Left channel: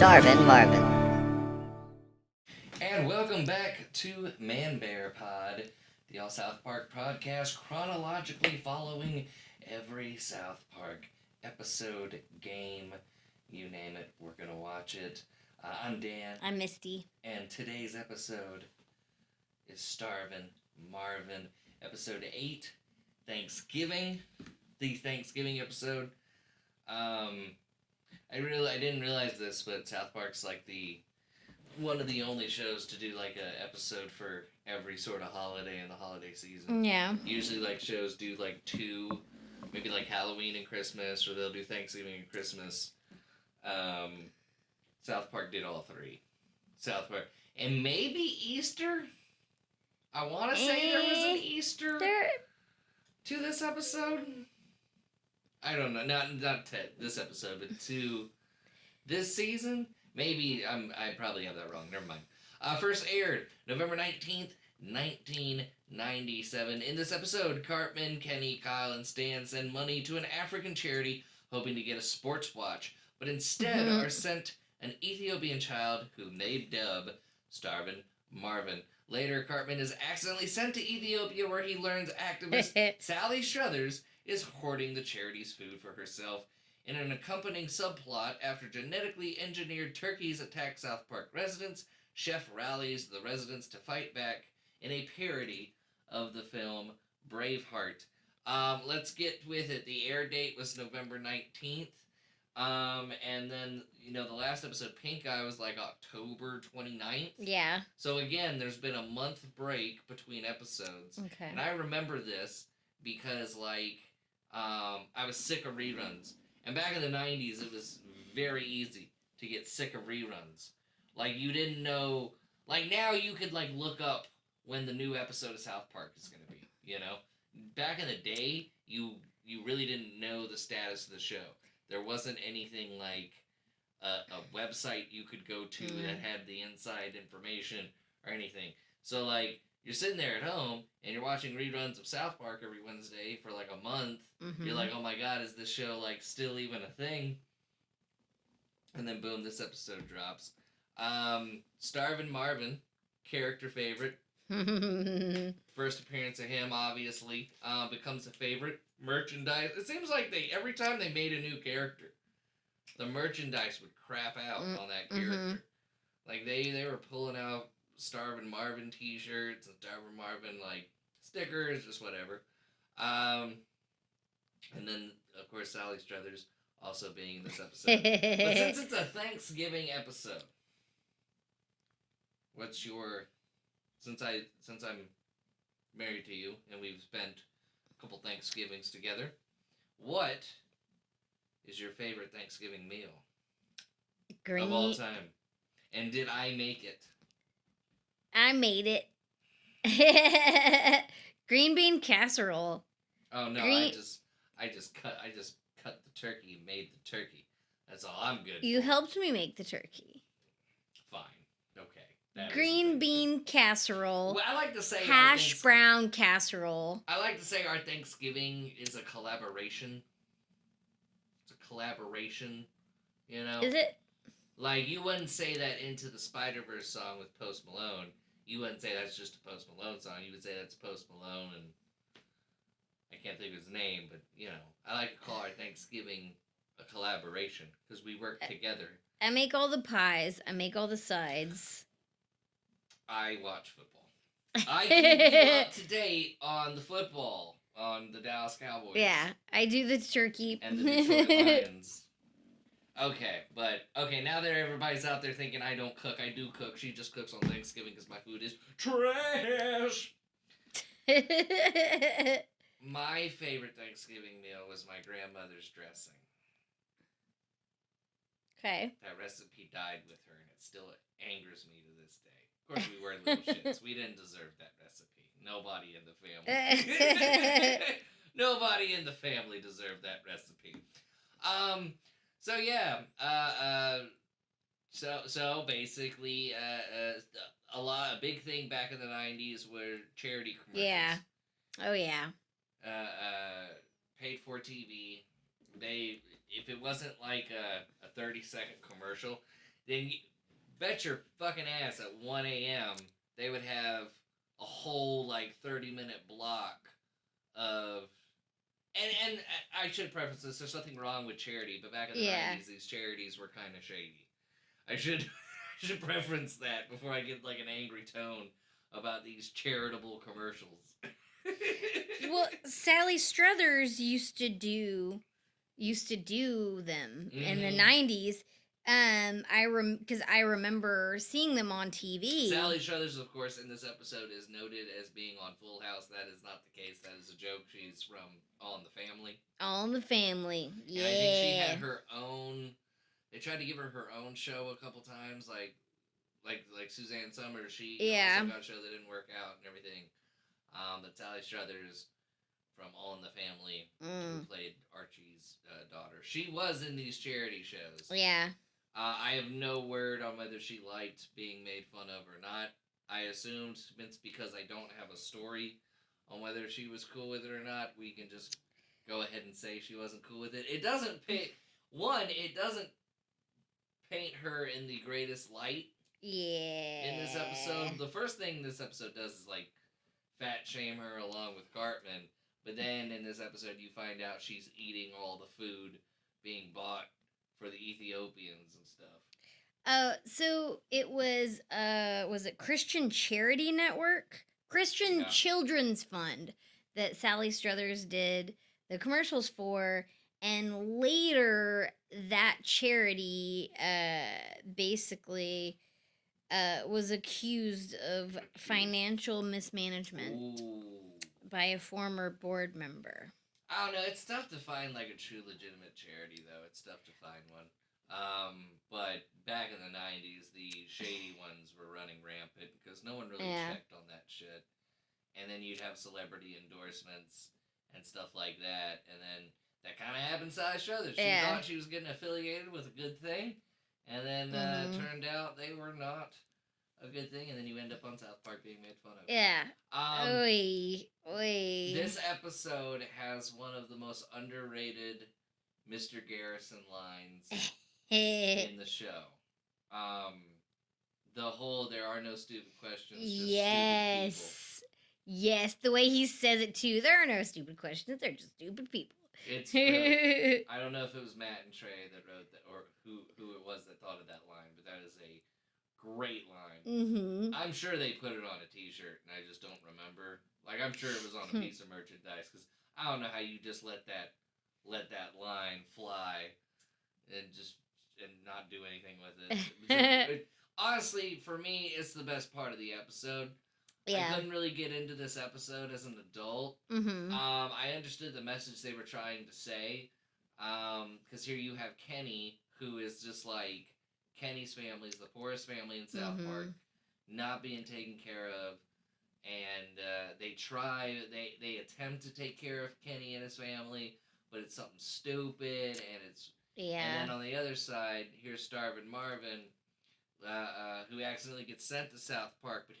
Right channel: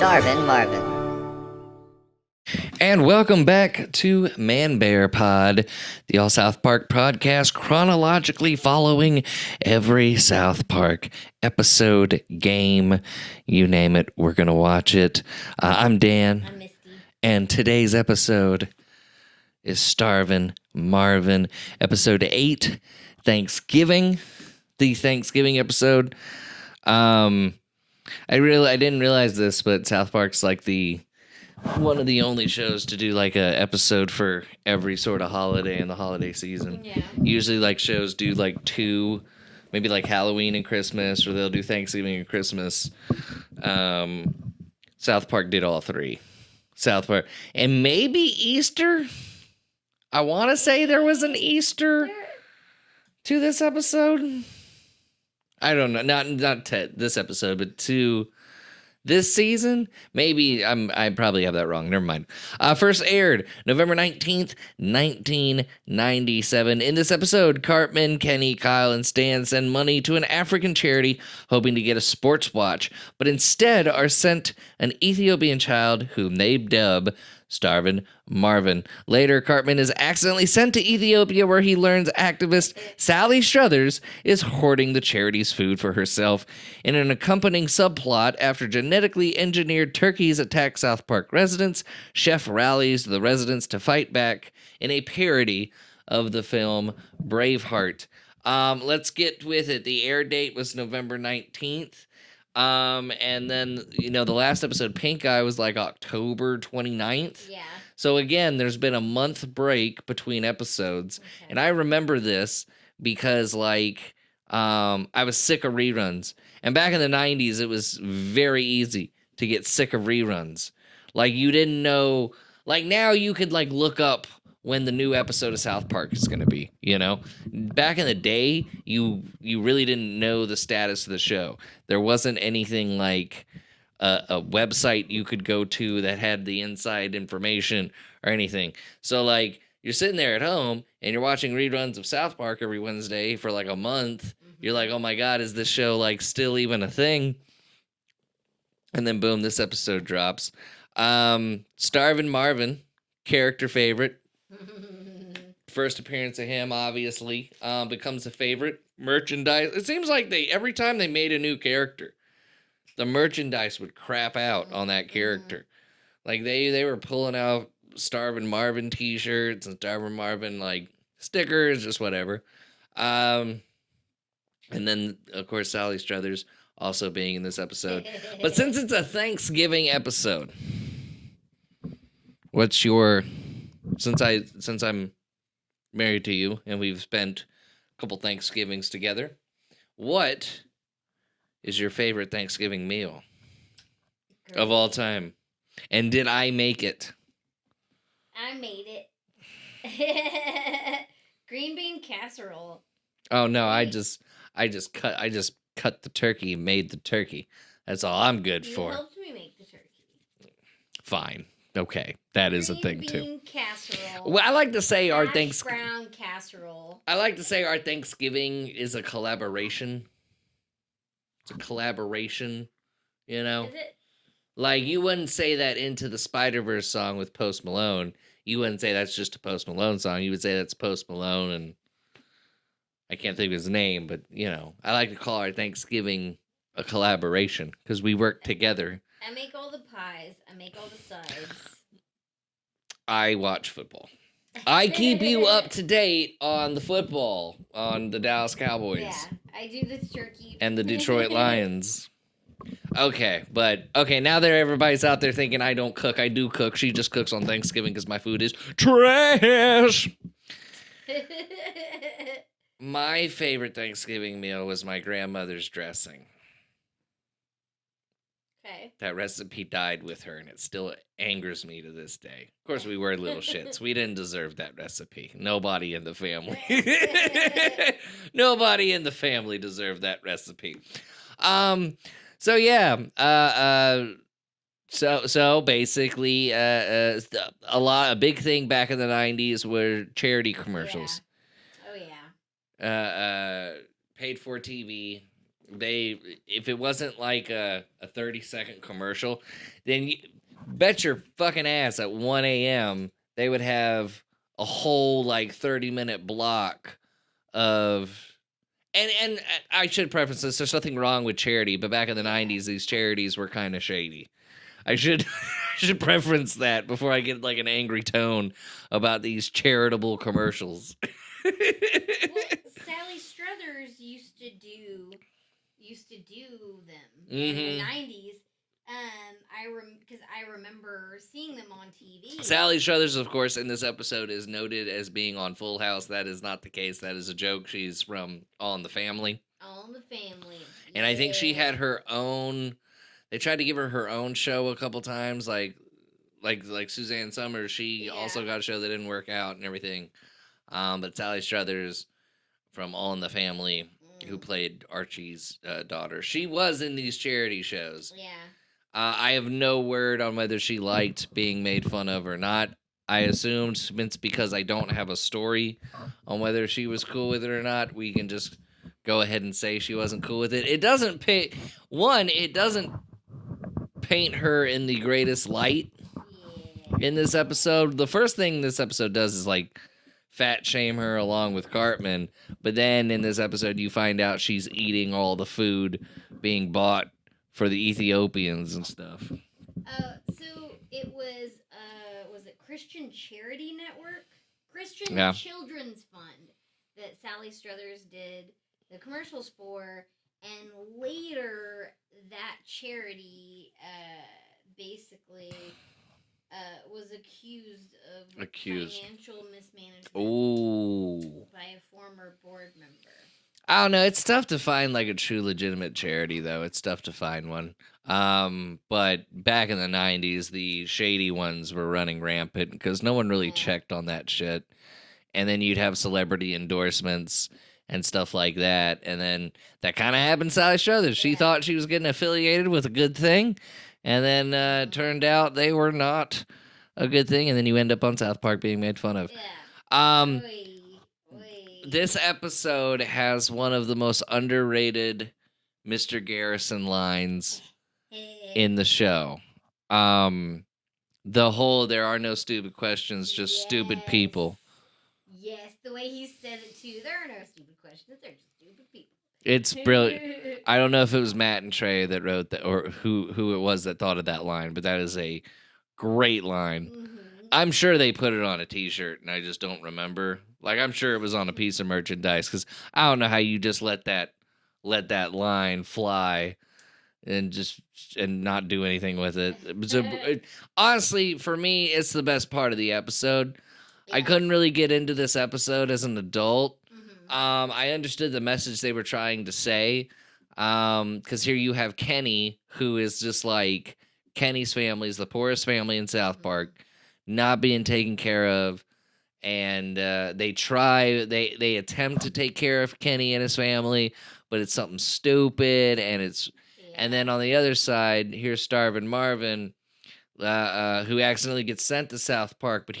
Starvin Marvin. And welcome back to ManBearPod, the All South Park podcast, chronologically following every South Park episode, game, you name it, we're going to watch it. I'm Dan. I'm Misti. And today's episode is Starvin Marvin, episode 8, Thanksgiving, the Thanksgiving episode. I didn't realize this, but South Park's like one of the only shows to do like a episode for every sort of holiday in the holiday season. Yeah. Usually like shows do like 2, maybe like Halloween and Christmas, or they'll do Thanksgiving and Christmas. South Park did all 3. South Park. And maybe Easter? I want to say there was an Easter to this episode. I don't know. Not to this episode, but to this season? Maybe I probably have that wrong. Never mind. First aired November 19th, 1997. In this episode, Cartman, Kenny, Kyle, and Stan send money to an African charity hoping to get a sports watch, but instead are sent an Ethiopian child whom they dub Starvin Marvin. Later, Cartman is accidentally sent to Ethiopia, where he learns activist Sally Struthers is hoarding the charity's food for herself. In an accompanying subplot, after genetically engineered turkeys attack South Park residents, Chef rallies the residents to fight back in a parody of the film Braveheart. Let's get with it. The air date was November 19th. And then, the last episode, Pink Eye, was like October 29th. Yeah. So again, there's been a month break between episodes. Okay. And I remember this because I was sick of reruns. And back in the 90s, it was very easy to get sick of reruns. Like, you didn't know, like, now you could look up when the new episode of South Park is going to be, Back in the day, you really didn't know the status of the show. There wasn't anything like a website you could go to that had the inside information or anything. So, you're sitting there at home and you're watching reruns of South Park every Wednesday for a month. Mm-hmm. You're like, oh my God, is this show still even a thing? And then boom, this episode drops. Starvin Marvin, character favorite. First appearance of him, obviously, becomes a favorite. Merchandise. It seems like every time they made a new character, the merchandise would crap out on that character. Like they were pulling out Starvin Marvin t-shirts and Starvin Marvin stickers, just whatever. And then of course Sally Struthers also being in this episode. But since it's a Thanksgiving episode, what's your since I'm married to you and we've spent a couple Thanksgivings together, what is your favorite Thanksgiving meal of all time? And did I make it? I made it. Green bean casserole. Oh no, I just cut the turkey and made the turkey. That's all I'm good for. You helped me make the turkey. Fine. Okay, that is a thing too. Green bean casserole. Well, I like to say our hash brown casserole. I like to say our Thanksgiving is a collaboration. It's a collaboration, Is it? Like, you wouldn't say that Into the Spider-Verse song with Post Malone. You wouldn't say that's just a Post Malone song. You would say that's Post Malone, and I can't think of his name, but, I like to call our Thanksgiving a collaboration because we work together. I make all the pies. I make all the sides. I watch football. I keep you up to date on the football, on the Dallas Cowboys. Yeah, I do the turkey. And the Detroit Lions. Okay, now that everybody's out there thinking I don't cook, I do cook. She just cooks on Thanksgiving because my food is trash. My favorite Thanksgiving meal was my grandmother's dressing. Okay. That recipe died with her, and it still angers me to this day. Of course, we were little shits. We didn't deserve that recipe. Nobody in the family. Nobody in the family deserved that recipe. So yeah. So basically, a big thing back in the 90s were charity commercials. Yeah. Oh yeah. Paid for TV. if it wasn't like a 30-second commercial, then you bet your fucking ass at 1 a.m. they would have a whole like 30-minute block of and I should preface this, there's nothing wrong with charity, but back in the 90s these charities were kind of shady. I should should preference that before I get like an angry tone about these charitable commercials. Well, Sally Struthers used to do them in the 90s. Because I remember seeing them on TV. Sally Struthers, of course, in this episode is noted as being on Full House. That is not the case. That is a joke. She's from All in the Family. All in the Family. Yeah. And I think she had her own. They tried to give her her own show a couple times, like Suzanne Summers. She also got a show that didn't work out and everything. But Sally Struthers from All in the Family, who played Archie's daughter, she was in these charity shows. Yeah. I have no word on whether she liked being made fun of or not. I assumed it's because I don't have a story on whether she was cool with it or not. We can just go ahead and say she wasn't cool with it. It doesn't paint her in the greatest light. Yeah. In this episode, the first thing this episode does is like fat shame her along with Cartman, but then in this episode you find out she's eating all the food being bought for the Ethiopians and stuff. So it was it Christian Charity Network? Christian Children's Fund that Sally Struthers did the commercials for, and later that charity basically was accused of financial mismanagement by a former board member. I don't know. It's tough to find like a true legitimate charity, though. It's tough to find one. But back in the 90s, the shady ones were running rampant because no one really checked on that shit. And then you'd have celebrity endorsements and stuff like that. And then that kind of happened to Sally Struthers. She thought she was getting affiliated with a good thing. And then it turned out they were not a good thing. And then you end up on South Park being made fun of. Yeah. This episode has one of the most underrated Mr. Garrison lines in the show. The whole "there are no stupid questions, just stupid people." Yes, the way he says it too. There are no stupid questions. They're just stupid people. It's brilliant. I don't know if it was Matt and Trey that wrote that, or who it was that thought of that line, but that is a great line. Mm-hmm. I'm sure they put it on a T-shirt, and I just don't remember. Like, I'm sure it was on a piece of merchandise, because I don't know how you just let that line fly and not do anything with it. So, honestly, for me, it's the best part of the episode. Yeah. I couldn't really get into this episode as an adult. Mm-hmm. I understood the message they were trying to say, because here you have Kenny, who is just like, Kenny's family is the poorest family in South Park, not being taken care of. And they attempt to take care of Kenny and his family, but it's something stupid. And then on the other side, here's Starvin Marvin, who accidentally gets sent to South Park, but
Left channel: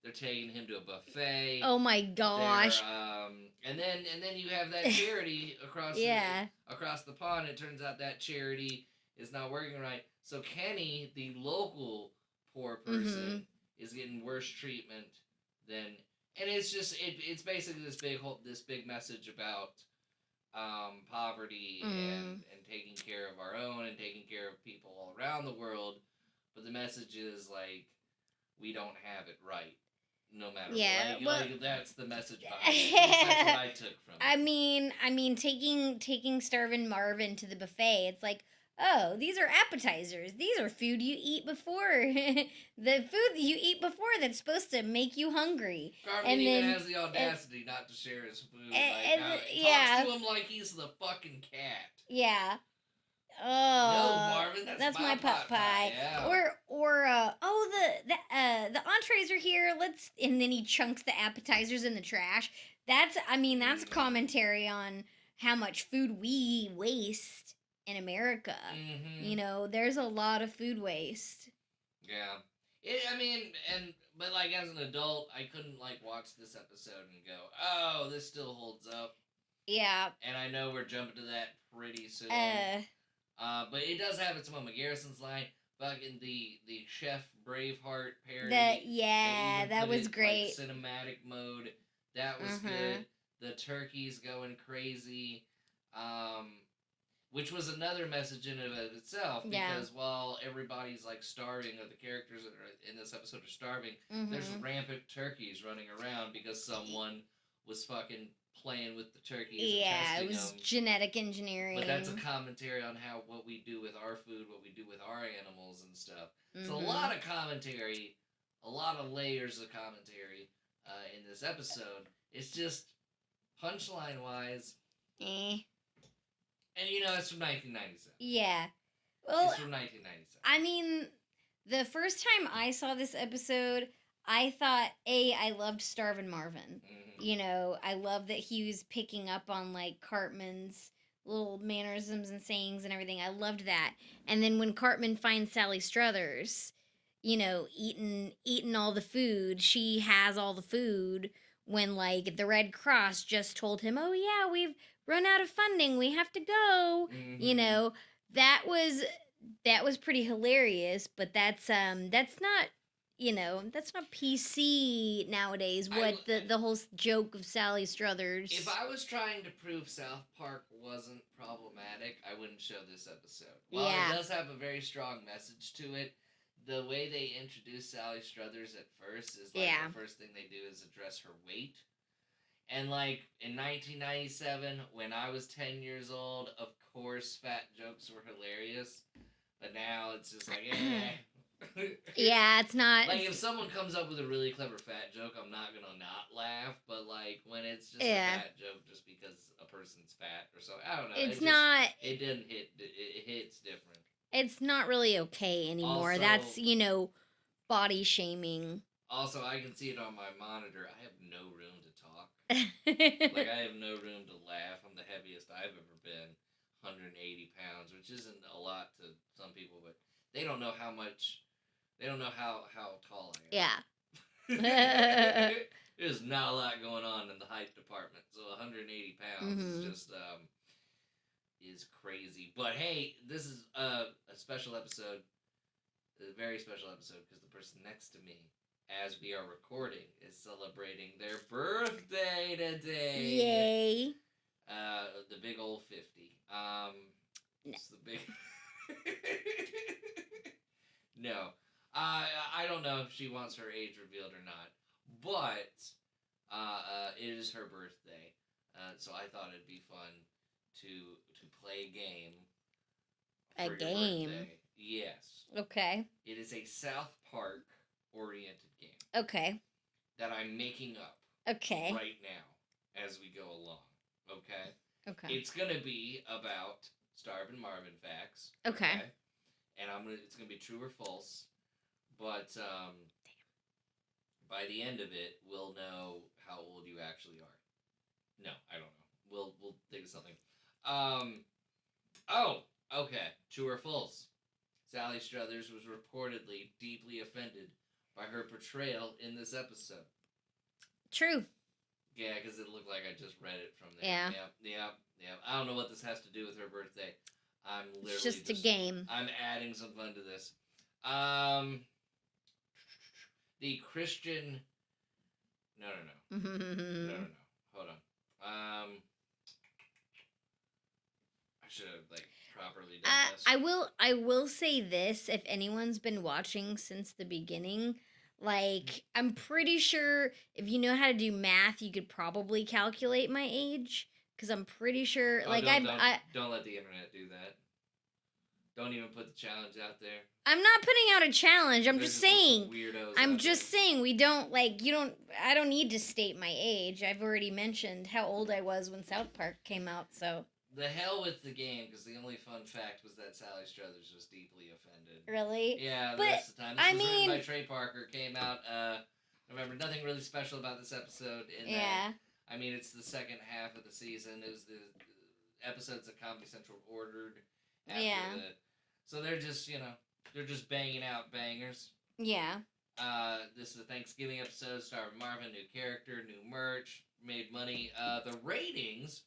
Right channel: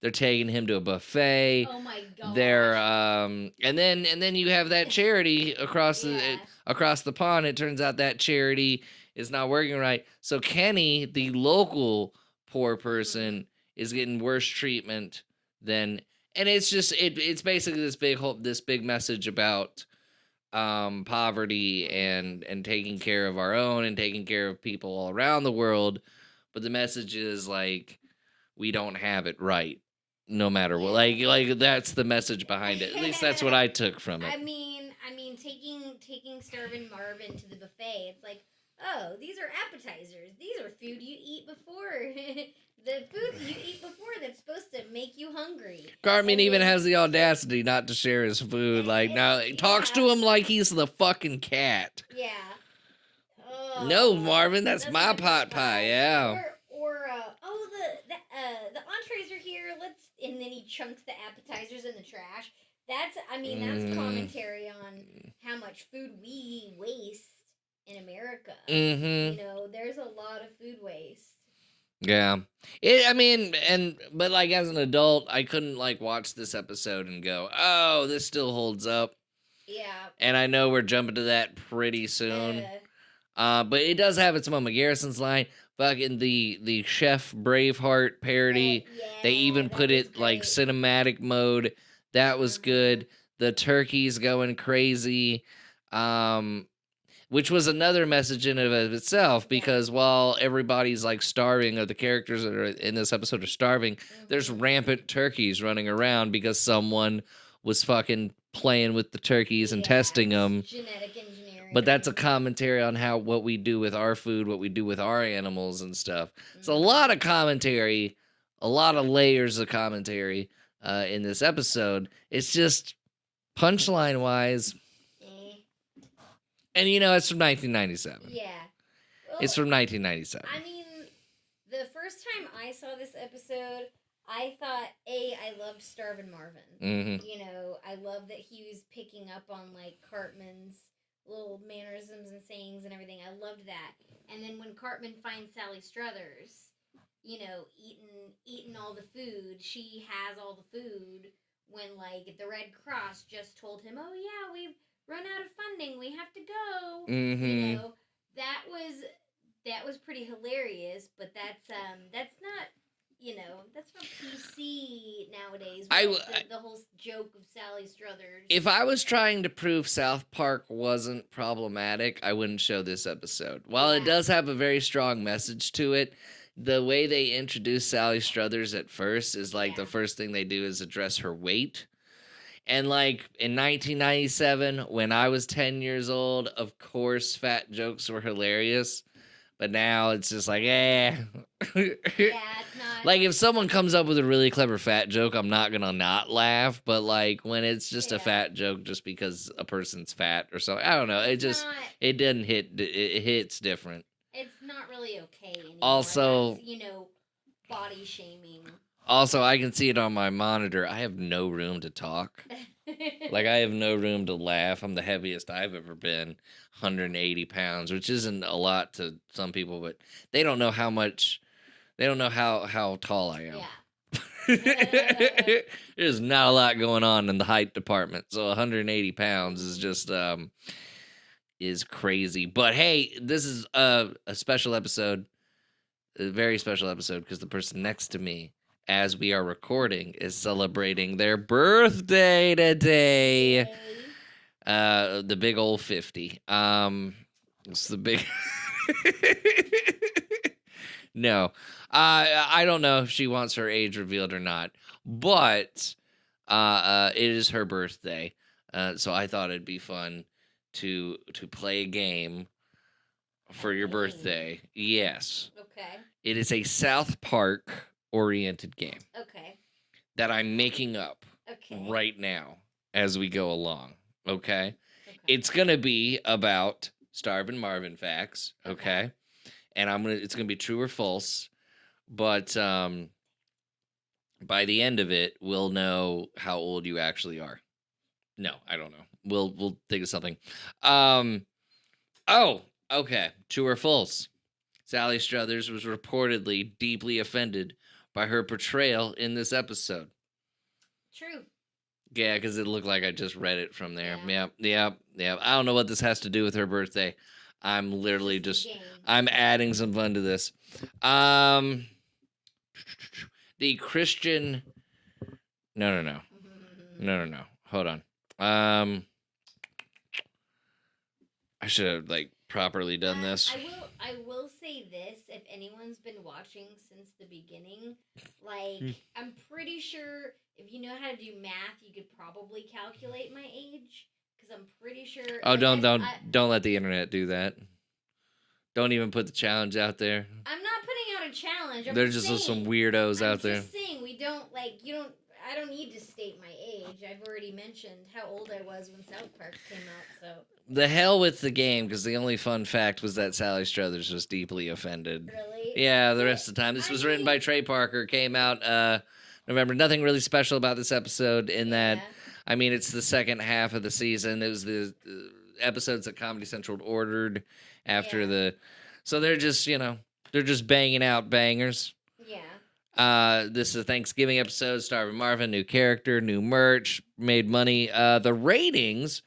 they're taking him to a buffet. Oh my gosh. And then you have that charity across the pond. It turns out that charity is not working right. So Kenny, the local poor person, is getting worse treatment than, and it's just it's basically this big message about poverty and taking care of our own and taking care of people all around the world. But the message is like, we don't have it right, no matter what. Like that's the message behind it. At least that's what I took from it. I mean, taking Starvin Marvin to the buffet, it's like, oh, these are appetizers. These are food you eat before. The food that you eat before that's supposed to make you hungry. Cartman even has the audacity not to share his food. He talks to him like he's the fucking cat. Yeah. No, Marvin, that's my pot pie. Yeah. Or the entrees are here. And then he chunks the appetizers in the trash. That's commentary on how much food we waste in America. Mm-hmm. There's a lot of food waste. Yeah. But as an adult, I couldn't watch this episode and go, oh, this still holds up. Yeah. And I know we're jumping to that pretty soon. Uh. But it does have its moment. Garrison's line, fucking the Chef Braveheart parody. They even That put was it like great. cinematic mode. That was Uh-huh. good. The turkey's going crazy. Um, which was another message in and of itself, Yeah. because while everybody's like starving, or the characters that are in this episode are starving, there's Mhm. rampant turkeys running around because someone was fucking playing with the turkeys and Yeah, it testing was them. genetic engineering But that's a 'em. commentary on how what we do with our food, what we do with our animals and stuff. It's a lot Mhm. of commentary, a lot of layers of commentary in this episode. It's just punchline wise, Eh. and you know it's from 1997. Yeah. Well, It's from 1997. I mean, the first time I saw this episode, I thought, I loved Starvin Marvin. Mm-hmm. You know, I love that he was picking up on like Cartman's little mannerisms and sayings and everything. I loved that. And then when Cartman finds Sally Struthers, you know, eating all the food, she has all the food when like the Red Cross just told him, "Oh yeah, we've run out of funding. We have to go." You Mm-hmm. know, that was pretty hilarious, but that's not, that's not PC nowadays I, with w- the whole joke of Sally Struthers. if I was trying to prove South Park wasn't problematic, I wouldn't show this episode. While it Yeah. does have a very strong message to it, the way they introduce Sally Struthers at first is like Yeah. the first thing they do is address her weight. And like in 1997, when I was 10 years old, of course, fat jokes were hilarious. But now it's just like, eh. Yeah, it's not. Like if someone comes up with a really clever fat joke, I'm not gonna not laugh. But like when it's just a Yeah. fat joke just because a person's fat or something, I don't know. It's It just not. it doesn't hit. It hits different. It's not really okay anymore. Also, That's body shaming. also, I can see it on my monitor. I have no room to talk. Like I have no room to laugh. I'm the heaviest I've ever been, 180 pounds, which isn't a lot to some people, but they don't know how much. They don't know how tall I am. Yeah. There's not a lot going on in the height department, so 180 pounds is Mhm. just is crazy. But hey, this is a special episode, a very special episode, because the person next to me, as we are recording, is celebrating their birthday today. Yay. The big old 50. It's the big. No, I don't know if she wants her age revealed or not, but it is her birthday, so I thought it'd be fun to play a game for your game? birthday. Yes, Okay. it is a South Park oriented game Okay. that I'm making up Okay. right now as we go along. Okay, Okay. it's gonna be about Starvin Marvin facts. Okay. Okay, and it's gonna be true or false. But by the end of it, we'll know how old you actually are. No, I don't know. We'll think of something. Oh, okay. True or false? Sally Struthers was reportedly deeply offended by her portrayal in this episode. True. Yeah, because it looked like I just read it from there. Yeah. Yep. I don't know what this has to do with her birthday. I'm literally Just a game. I'm adding some fun to this. The Christian. No. No. Hold on. I should have like properly done this. I will say this: if anyone's been watching since the beginning, like I'm pretty sure if you know how to do math, you could probably calculate my age. Because I'm pretty sure. Oh, like, don't let the internet do that. Don't even put the challenge out there. I'm not putting out a challenge. There's just saying, some weirdos I'm out there. just saying we don't like you don't. I don't need to state my age. I've already mentioned how old I was when South Park came out. So the hell with the game, because the only fun fact was that Sally Struthers was deeply offended. really, Yeah, the rest of the time. This was written by Trey Parker. Came out November. Nothing really special about this episode in that. I mean, it's the second half of the season. It was the episodes that Comedy Central ordered after the. So they're just, they're just banging out bangers. Yeah. This is a Thanksgiving episode. Starvin Marvin, new character, new merch, made money. The ratings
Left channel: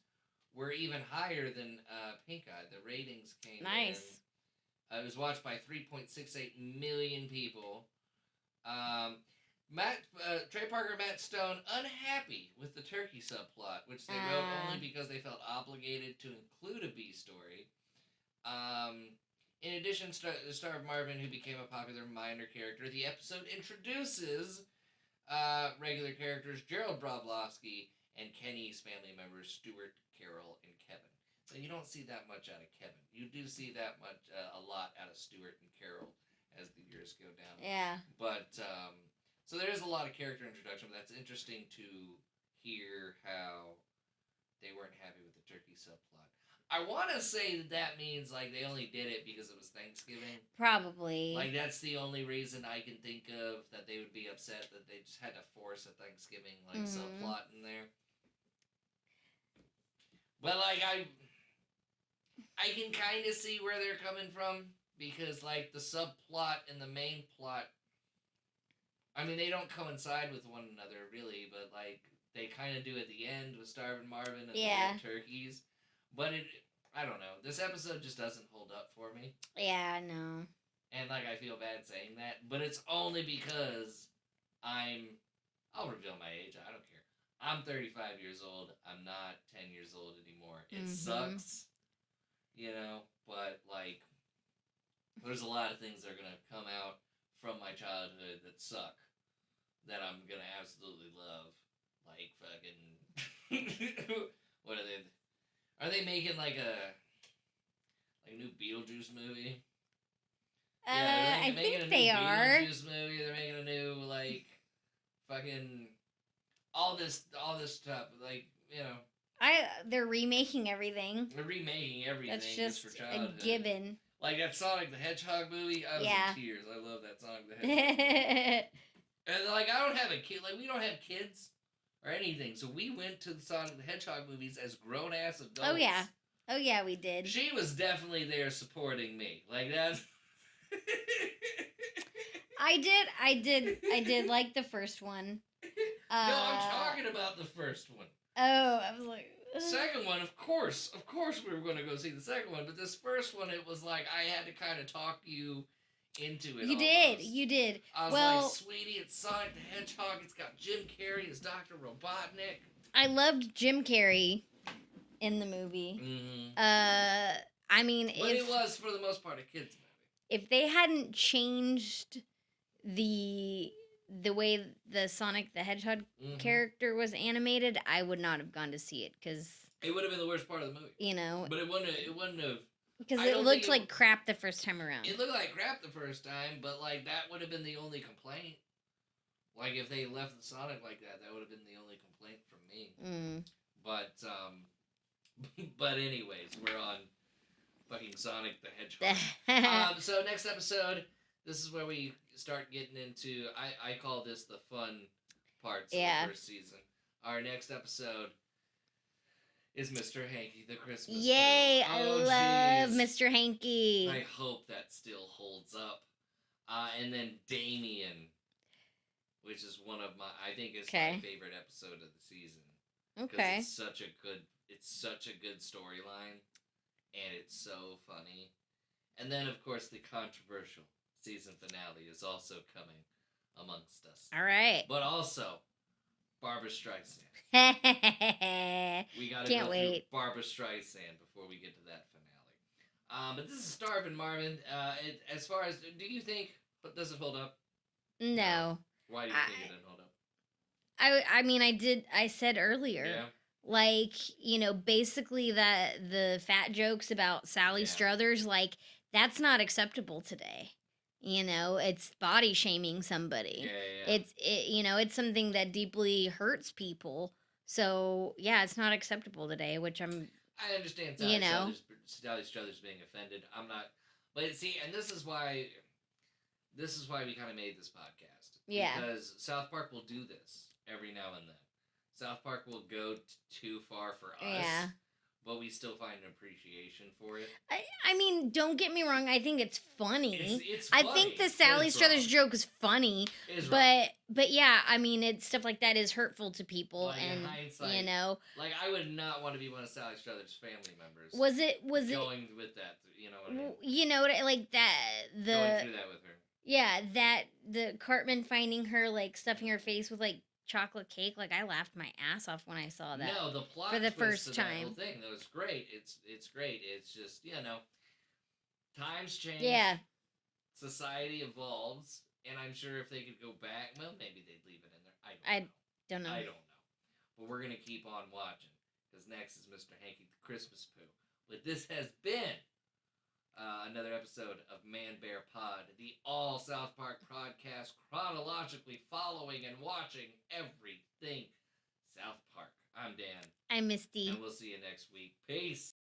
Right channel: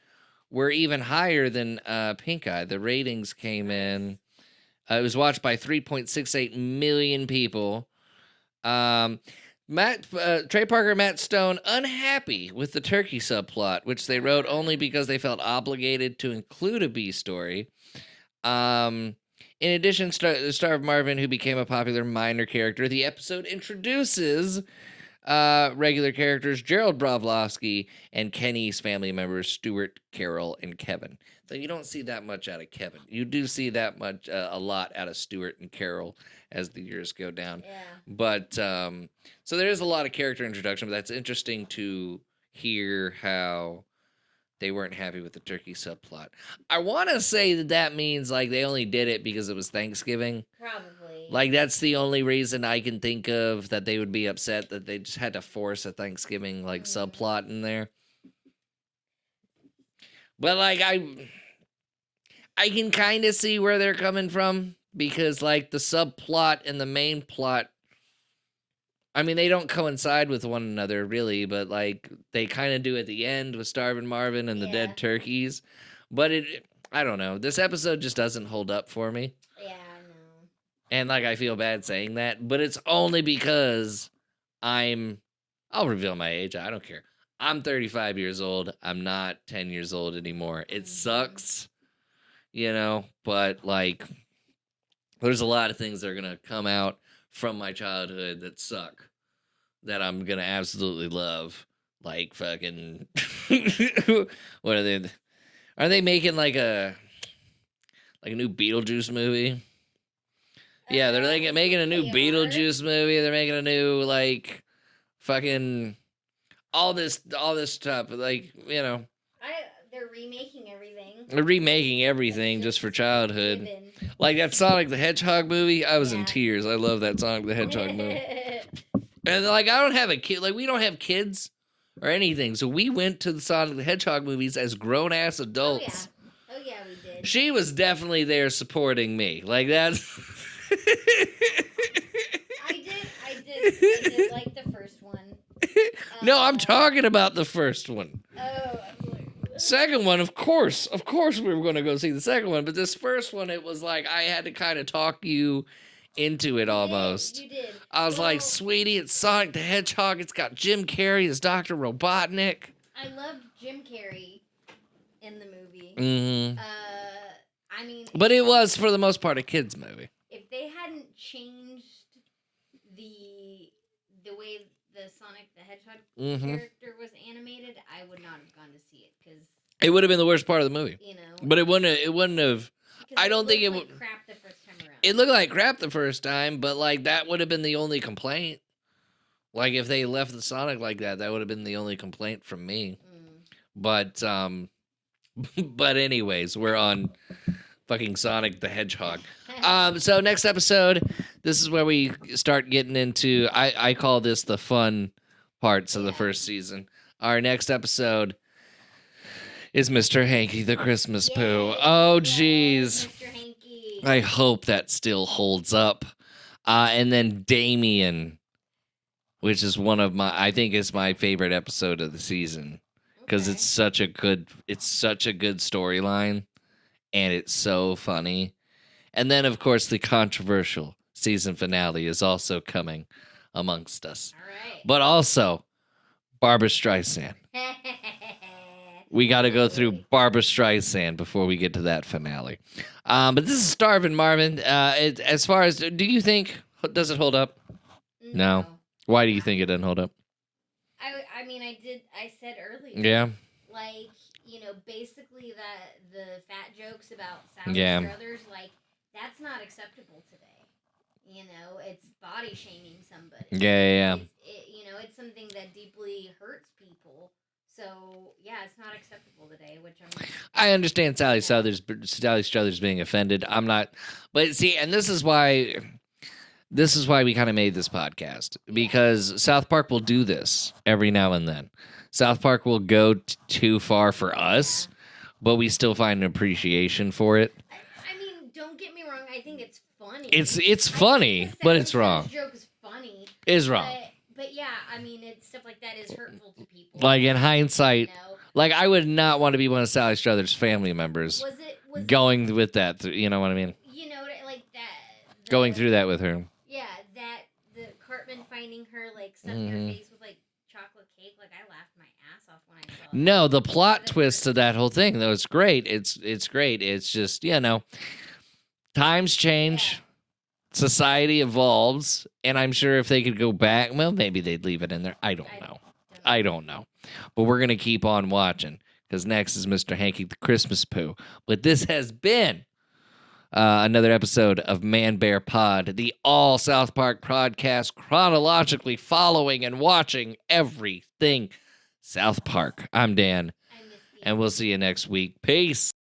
were even higher than Pink Eye. The ratings came in. Nice. It was watched by 3.68 million people. Trey Parker and Matt Stone unhappy with the turkey subplot, which they wrote only because they felt obligated to include a B story. In addition, the Starvin Marvin, who became a popular minor character, the episode introduces regular characters Gerald Bravlovsky and Kenny's family members Stuart, Carol, and Kevin. So you don't see that much out of Kevin. You do see that much, a lot out of Stuart and Carol as the years go down. Yeah. But so there is a lot of character introduction, but that's interesting to hear how they weren't happy with the turkey subplot. I want to say that means like they only did it because it was Thanksgiving. Probably. Like that's the only reason I can think of that they would be upset that they just had to force a Thanksgiving like subplot in there. But like I can kind of see where they're coming from because like the subplot and the main plot, I mean, they don't coincide with one another really, but like they kind of do at the end with Starvin Marvin and the dead turkeys. But I don't know. This episode just doesn't hold up for me. Yeah, no. And like I feel bad saying that, but it's only because I'll reveal my age. I don't care. I'm 35 years old. I'm not 10 years old anymore. It sucks, but like there's a lot of things that are going to come out from my childhood that suck that I'm going to absolutely love. Like fucking what are they? Are they making like a new Beetlejuice movie? Yeah, they're like making a new Beetlejuice movie. They're making a new like fucking all this stuff. Like, they're remaking everything. They're remaking everything just for childhood. Like that Sonic the Hedgehog movie, I was in tears. I love that Sonic the Hedgehog movie. And like I don't have a kid, like we don't have kids or anything. So we went to the Sonic the Hedgehog movies as grown ass adults. Oh yeah, we did. She was definitely there supporting me. Like that's I did like the first one. No, I'm talking about the first one. Oh, I was like second one, of course we were going to go see the second one, but this first one, it was like I had to kind of talk you into it almost. You did. I was like, sweetie, it's Sonic the Hedgehog. It's got Jim Carrey as Dr. Robotnik. I loved Jim Carrey in the movie. Mm-hmm. I mean, but it was for the most part a kids movie. If they hadn't changed the way the Sonic the Hedgehog character was animated, I would not have gone to see it because it would have been the worst part of the movie. But it wouldn't have. Because it looked like crap the first time around. It looked like crap the first time, but like that would have been the only complaint. Like if they left the Sonic like that, that would have been the only complaint from me. But but anyways, we're on fucking Sonic the Hedgehog. So next episode, this is where we start getting into I call this the fun parts of the first season. Our next episode is Mr. Hanky the Christmas Poo. Oh, jeez. Mr. Hanky. I hope that still holds up. And then Damien, which is one of my favorite episode of the season. Because it's such a good storyline. And it's so funny. And then, of course, the controversial season finale is also coming amongst us. All right. But also, Barbra Streisand. We got to go through Barbra Streisand before we get to that finale. But this is Starvin Marvin. As far as, do you think, does it hold up? No. Why do you think it doesn't hold up? I mean, I said earlier. Yeah. Like, basically the fat jokes about Sally Struthers, like, that's not acceptable today. It's body shaming somebody. Yeah. It's something that deeply hurts people. So it's not acceptable today, which I understand Sally Struthers being offended. I'm not, but see, and this is why we kind of made this podcast because South Park will do this every now and then. South Park will go too far for us, but we still find an appreciation for it. I mean, don't get me wrong. I think it's funny. It's funny, I think the but Sally it's wrong. Struthers joke is funny. Is wrong. But yeah, I mean, it's stuff like that is hurtful to people. Like in and, hindsight, you know, like I would not want to be one of Sally Struthers' family members was it going with that. You know what I mean? you know like that Going through that with her. yeah, that the Cartman finding her like stuffing her Mhm. face with like chocolate cake, like I laughed my ass off when I saw that. No, the plot the twist first of that time. whole thing, though, it's great. It's great. It's just, times change, Yeah. society evolves, and I'm sure if they could go back, well, maybe they'd leave it in there. I don't know. I don't know. But we're gonna keep on watching because next is Mr. Hanky the Christmas Poo. But this has been another episode of ManBearPod, the all South Park podcast, chronologically following and watching everything South Park. I'm Dan. I'm Misti. And we'll see you next week. Peace.